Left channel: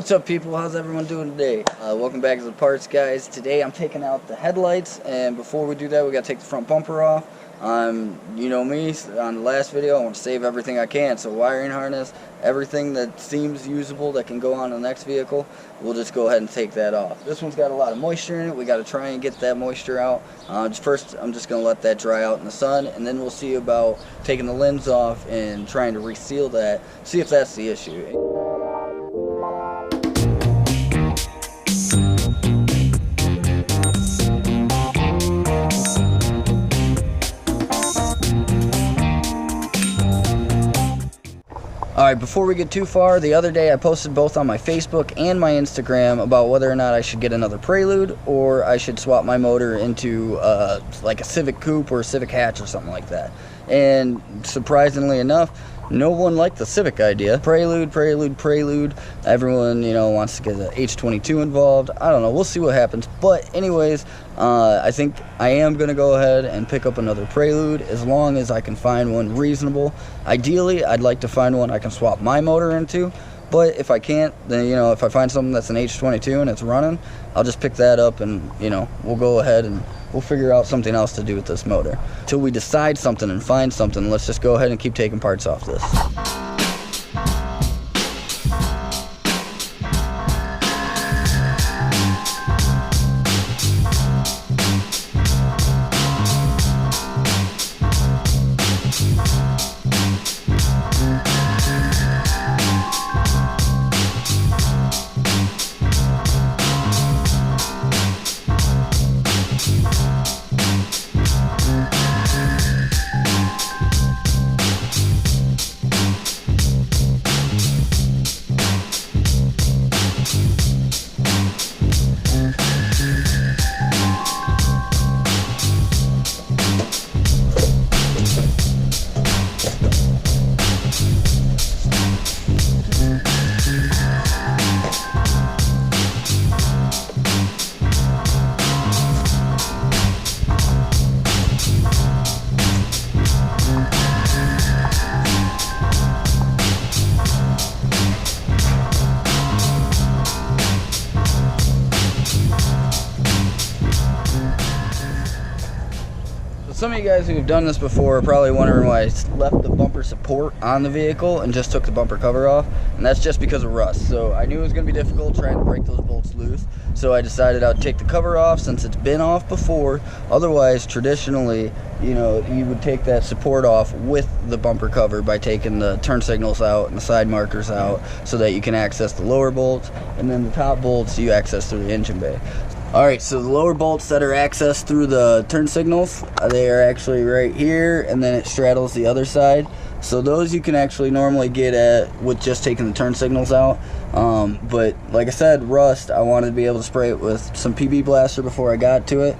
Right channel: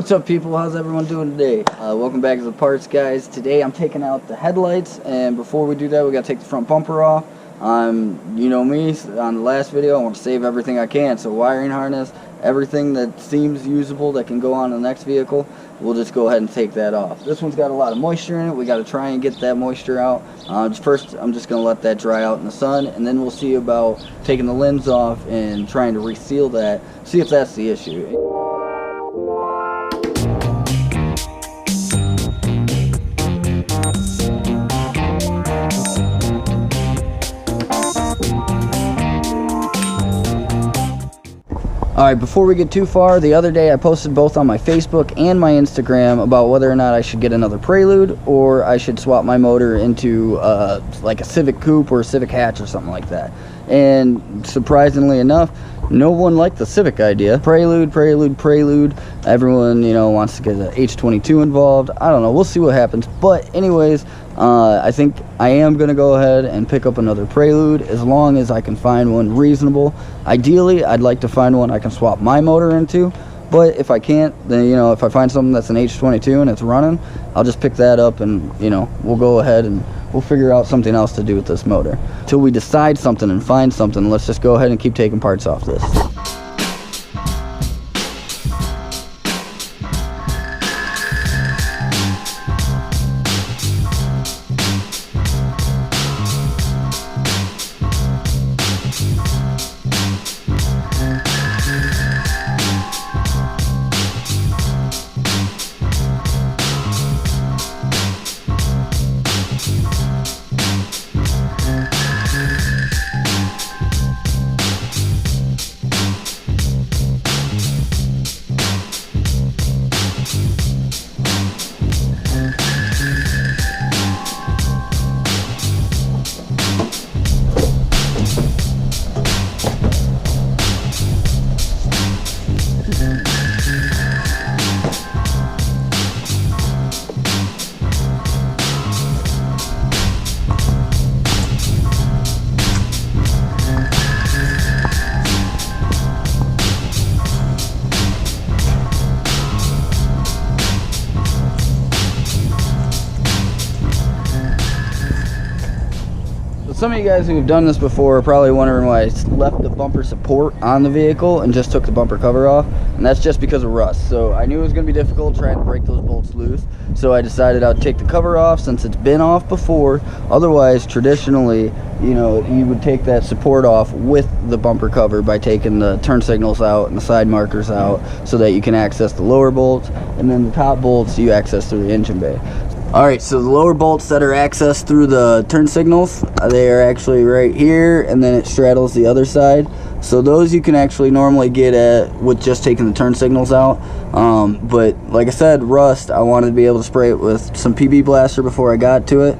What's up, people? How's everyone doing today? Welcome back to the parts, guys. Today I'm taking out the headlights, and before we do that, we gotta take the front bumper off. You know me, on the last video I want to save everything I can, so wiring harness, everything that seems usable that can go on the next vehicle, we'll just go ahead and take that off. This one's got a lot of moisture in it. We got to try and get that moisture out. First, I'm just going to let that dry out in the sun, and then we'll see about taking the limbs off and trying to reseal that, see if that's the issue. Alright, before we get too far, the other day I posted both on my Facebook and my Instagram about whether or not I should get another Prelude or I should swap my motor into like a Civic Coupe or a Civic Hatch or something like that. And surprisingly enough, no one liked the Civic idea. Prelude. Everyone, you know, wants to get an H22 involved. I don't know. We'll see what happens. But anyways, I think I am going to go ahead and pick up another Prelude as long as I can find one reasonable. Ideally, I'd like to find one I can swap my motor into. But if I can't, then, you know, if I find something that's an H22 and it's running, I'll just pick that up and, you know, we'll go ahead and we'll figure out something else to do with this motor. Till we decide something and find something, let's just go ahead and keep taking parts off this. Some of you guys who have done this before are probably wondering why I left the bumper support on the vehicle and just took the bumper cover off, and that's just because of rust. So I knew it was going to be difficult trying to break those bolts loose, so I decided I'd take the cover off since it's been off before. Otherwise, traditionally, you know, you would take that support off with the bumper cover by taking the turn signals out and the side markers out so that you can access the lower bolts, and then the top bolts you access through the engine bay. Alright, so the lower bolts that are accessed through the turn signals, they are actually right here, and then it straddles the other side. So those you can actually normally get at with just taking the turn signals out. But like I said, rust, I wanted to be able to spray it with some PB Blaster before I got to it,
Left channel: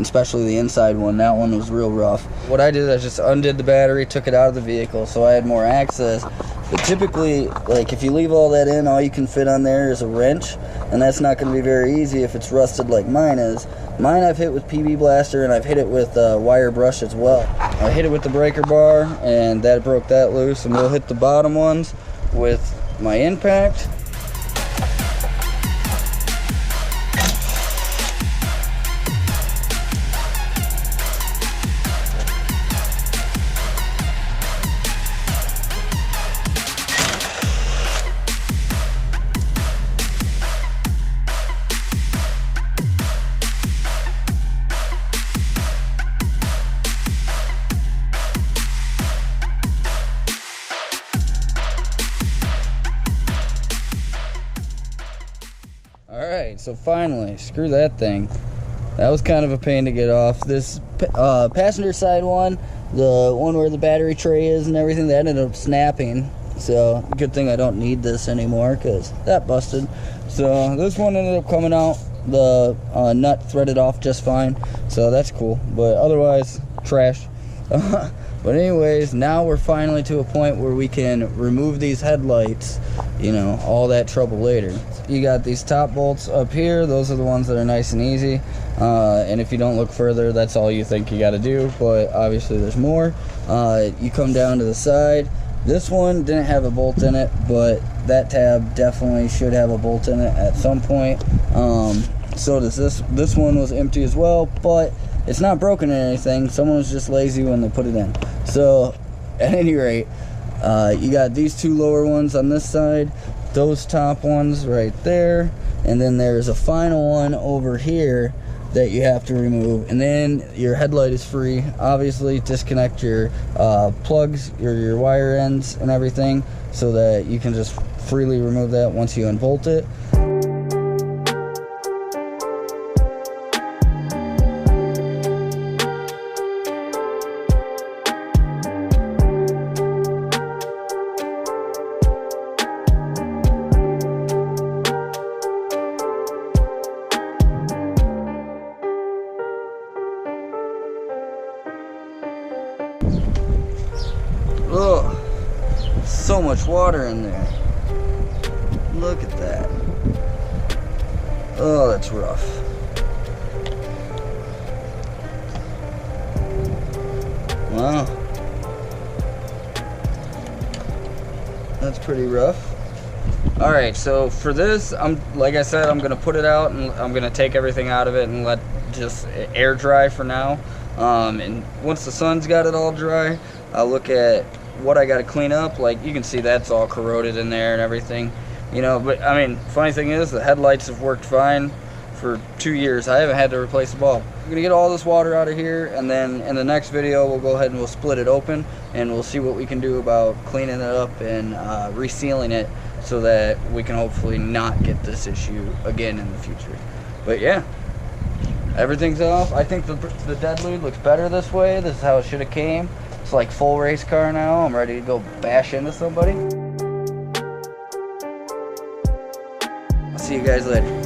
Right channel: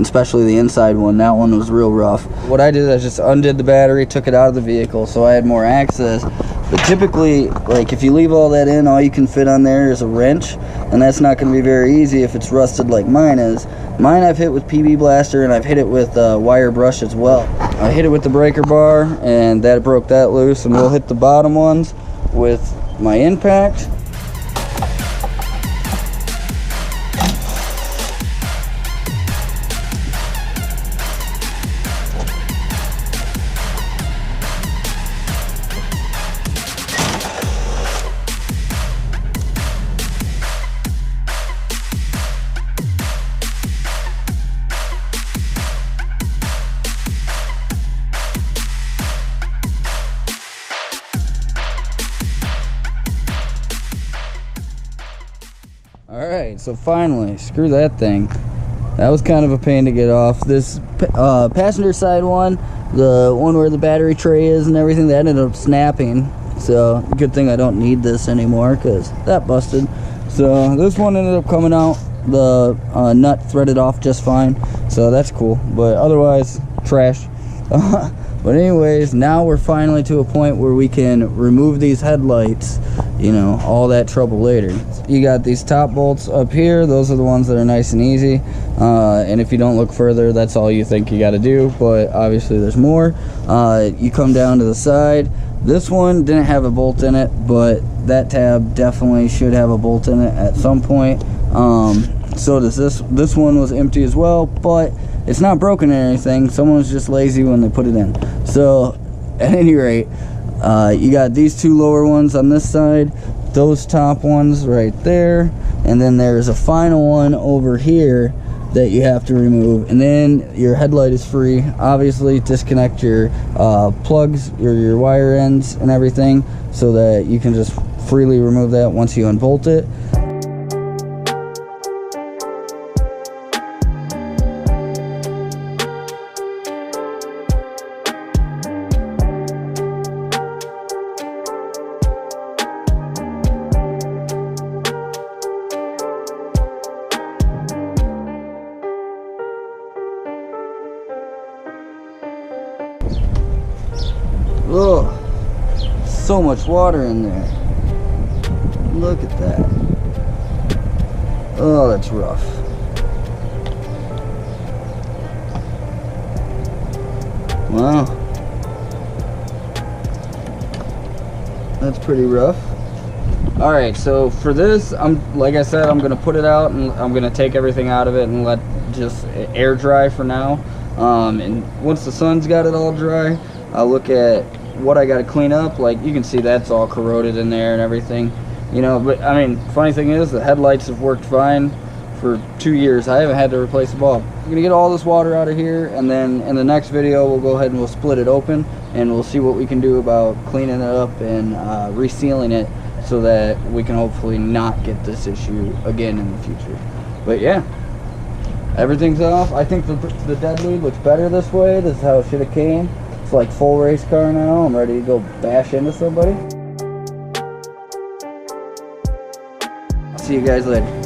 especially the inside one. That one was real rough. What I did, I just undid the battery, took it out of the vehicle so I had more access. But typically, like, if you leave all that in, all you can fit on there is a wrench, and that's not going to be very easy if it's rusted like mine is. Mine I've hit with PB Blaster, and I've hit it with wire brush as well. I hit it with the breaker bar, and that broke that loose, and we'll hit the bottom ones with my impact. Alright, so finally, screw that thing. That was kind of a pain to get off. This passenger side one, the one where the battery tray is and everything, that ended up snapping. So, good thing I don't need this anymore because that busted. So, this one ended up coming out. The nut threaded off just fine. So, that's cool. But otherwise, trash. But anyways, now we're finally to a point where we can remove these headlights, you know, all that trouble later. You got these top bolts up here. Those are the ones that are nice and easy. And if you don't look further, that's all you think you got to do. But obviously there's more. You come down to the side. This one didn't have a bolt in it, but that tab definitely should have a bolt in it at some point. So does this one was empty as well, but it's not broken or anything. Someone was just lazy when they put it in. So at any rate, you got these two lower ones on this side, those top ones right there, and then there's a final one over here that you have to remove, and then your headlight is free. Obviously disconnect your plugs, your wire ends and everything, so that you can just freely remove that once you unbolt it. Oh, so much water in there. Look at that. Oh, that's rough. Wow. That's pretty rough. Alright, so for this, like I said, I'm gonna put it out and I'm gonna take everything out of it and let just air dry for now. And once the sun's got it all dry, I'll look at what I got to clean up. Like you can see that's all corroded in there and everything, you know. But I mean, funny thing is the headlights have worked fine for 2 years. I haven't had to replace a bulb. I'm gonna get all this water out of here, and then in the next video we'll go ahead and we'll split it open and we'll see what we can do about cleaning it up and resealing it, so that we can hopefully not get this issue again in the future. But yeah, everything's off. I think the deadlude looks better this way. This is how it should have came. It's like full race car now. I'm ready to go bash into somebody. See you guys later.